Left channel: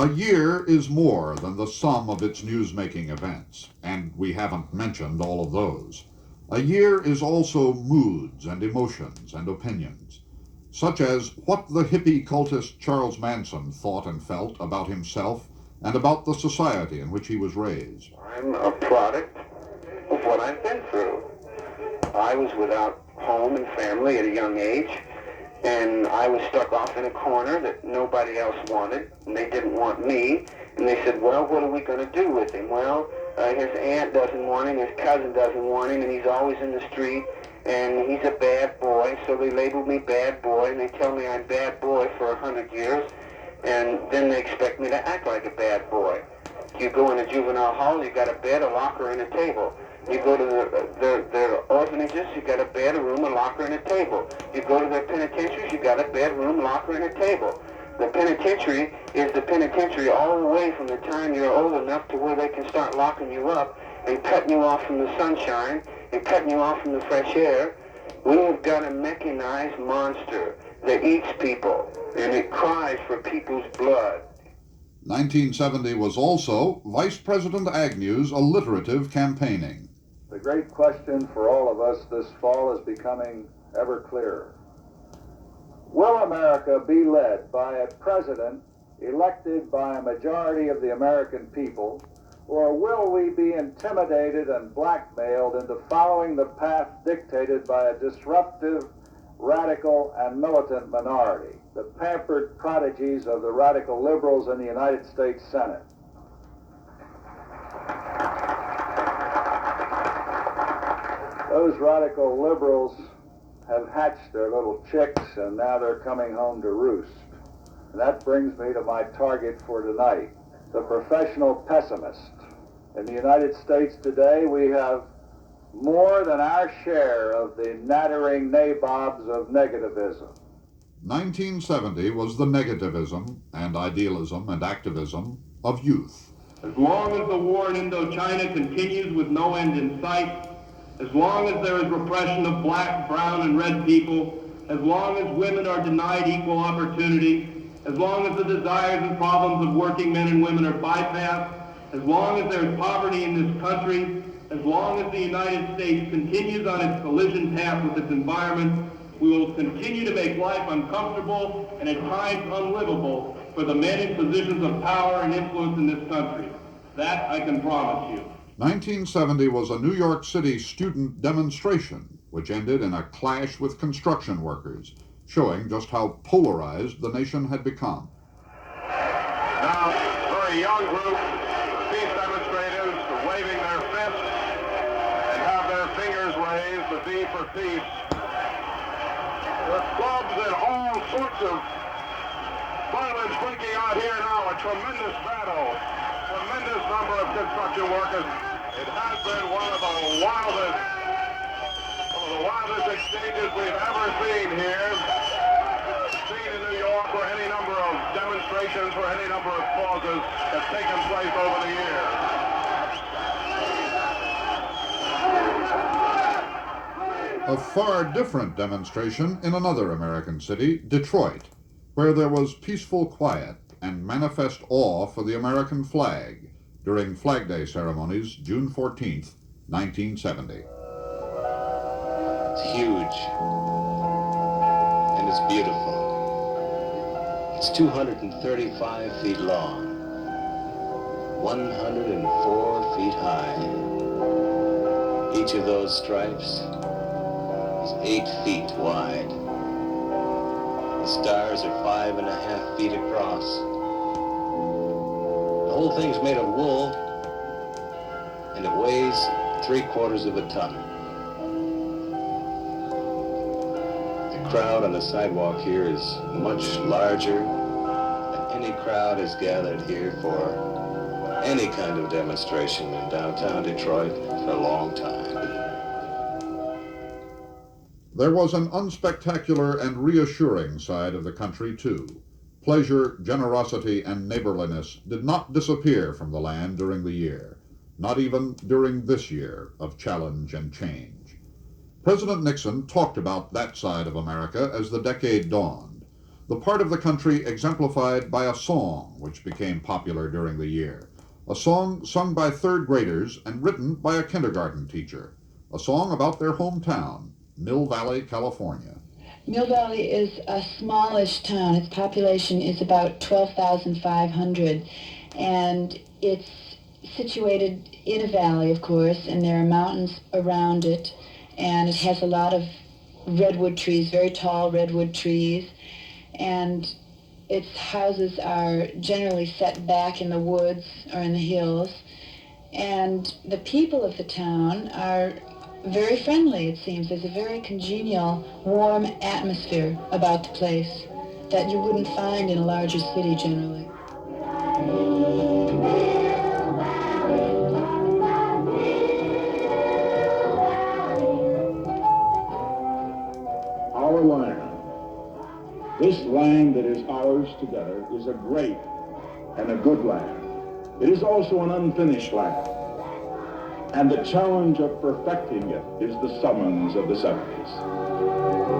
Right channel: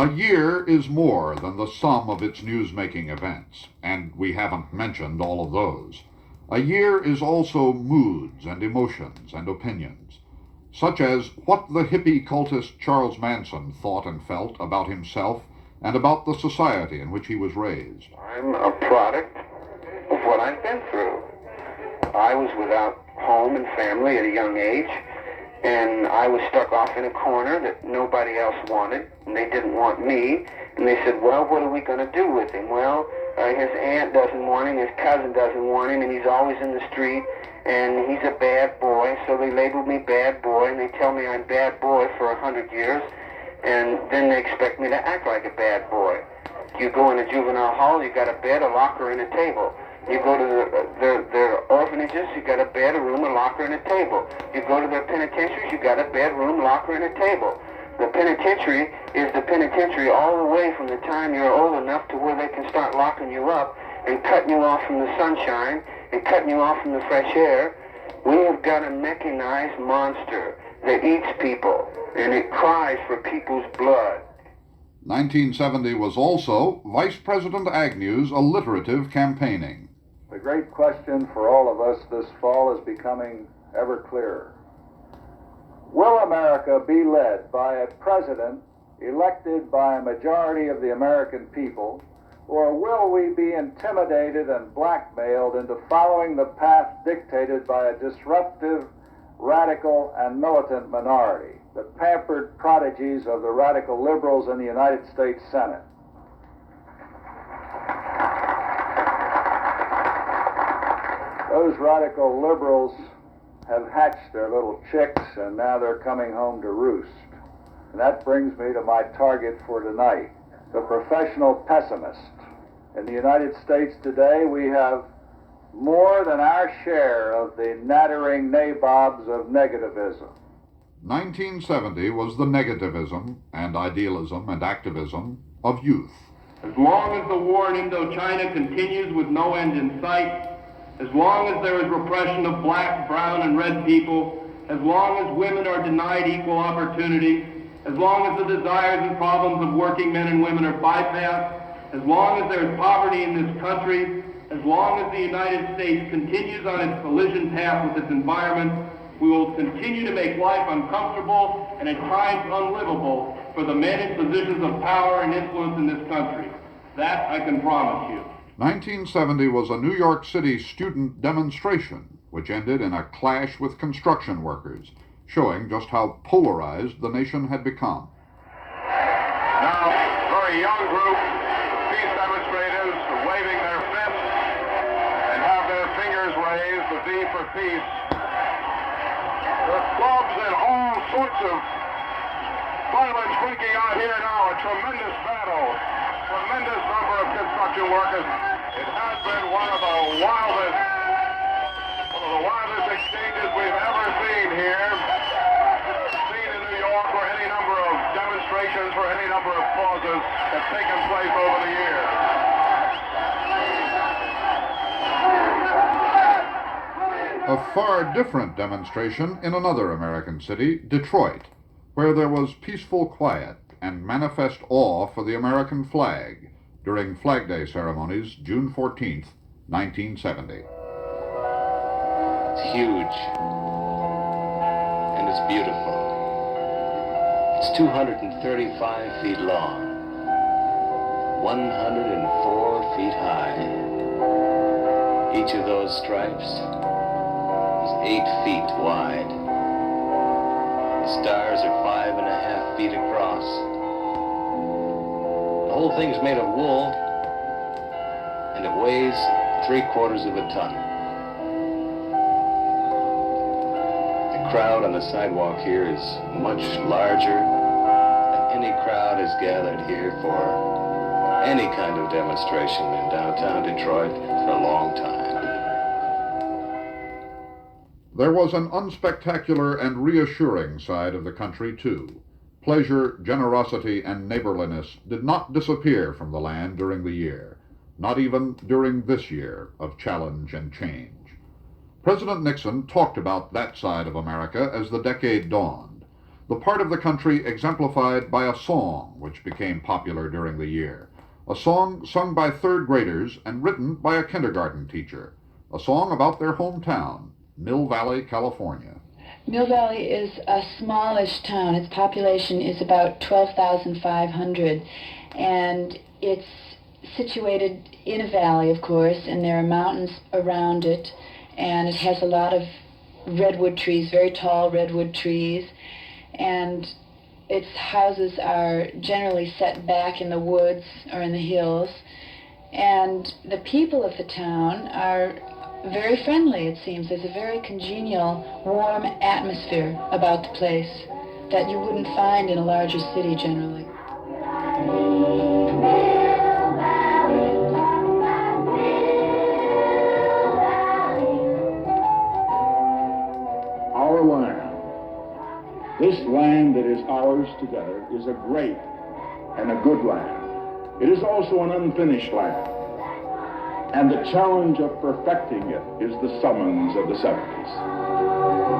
A year is more than the sum of its news-making events, and we haven't mentioned all of those. A year is also moods and emotions and opinions, such as what the hippie cultist Charles Manson thought and felt about himself and about the society in which he was raised. I'm a product of what I've been through. I was without home and family at a young age, and I was stuck off in a corner that nobody else wanted, and they didn't want me. And they said, well, what are we going to do with him? Well, his aunt doesn't want him, his cousin doesn't want him, and he's always in the street, and he's a bad boy. So they labeled me bad boy, and they tell me I'm bad boy for 100 years, and then they expect me to act like a bad boy. You go in a juvenile hall, you got a bed, a locker, and a table. You go to their orphanages, you got a bed, a room, a locker, and a table. You go to their penitentiaries, you got a bed, room, locker, and a table. The penitentiary is the penitentiary all the way from the time you're old enough to where they can start locking you up and cutting you off from the sunshine and cutting you off from the fresh air. We have got a mechanized monster that eats people, and it cries for people's blood. 1970 was also Vice President Agnew's alliterative campaigning. The great question for all of us this fall is becoming ever clearer. Will America be led by a president elected by a majority of the American people, or will we be intimidated and blackmailed into following the path dictated by a disruptive, radical, and militant minority, the pampered prodigies of the radical liberals in the United States Senate? Those radical liberals have hatched their little chicks, and now they're coming home to roost. And that brings me to my target for tonight, the professional pessimist. In the United States today, we have more than our share of the nattering nabobs of negativism. 1970 was the negativism and idealism and activism of youth. As long as the war in Indochina continues with no end in sight, as long as there is repression of black, brown, and red people, as long as women are denied equal opportunity, as long as the desires and problems of working men and women are bypassed, as long as there is poverty in this country, as long as the United States continues on its collision path with its environment, we will continue to make life uncomfortable and at times unlivable for the men in positions of power and influence in this country. That I can promise you. 1970 was a New York City student demonstration, which ended in a clash with construction workers, showing just how polarized the nation had become. Now, for a young group, peace demonstrators waving their fists and have their fingers raised, the V for peace. There are clubs and all sorts of violence breaking out here now, a tremendous battle, tremendous number of construction workers. It has been one of the wildest exchanges we've ever seen here. Seen in New York, where any number of demonstrations for any number of causes have taken place over the years. A far different demonstration in another American city, Detroit, where there was peaceful quiet and manifest awe for the American flag during Flag Day ceremonies June 14th, 1970. It's huge, and it's beautiful. It's 235 feet long, 104 feet high. Each of those stripes is 8 feet wide. The stars are 5.5 feet across. The whole thing's made of wool, and it weighs 3/4 of a ton. The crowd on the sidewalk here is much larger than any crowd has gathered here for any kind of demonstration in downtown Detroit for a long time. There was an unspectacular and reassuring side of the country, too. Pleasure, generosity, and neighborliness did not disappear from the land during the year, not even during this year of challenge and change. President Nixon talked about that side of America as the decade dawned. the part of the country exemplified by a song which became popular during the year. A song sung by third graders and written by a kindergarten teacher. A song about their hometown, Mill Valley, California. Mill Valley is a smallish town. Its population is about 12,500, and it's situated in a valley, of course, and there are mountains around it, and it has a lot of redwood trees, very tall redwood trees, and its houses are generally set back in the woods or in the hills, and the people of the town are very friendly, it seems. There's a very congenial, warm atmosphere about the place that you wouldn't find in a larger city generally. Our land, this land that is ours together, is a great and a good land. It is also an unfinished land. And the challenge of perfecting it is the summons of the 70s.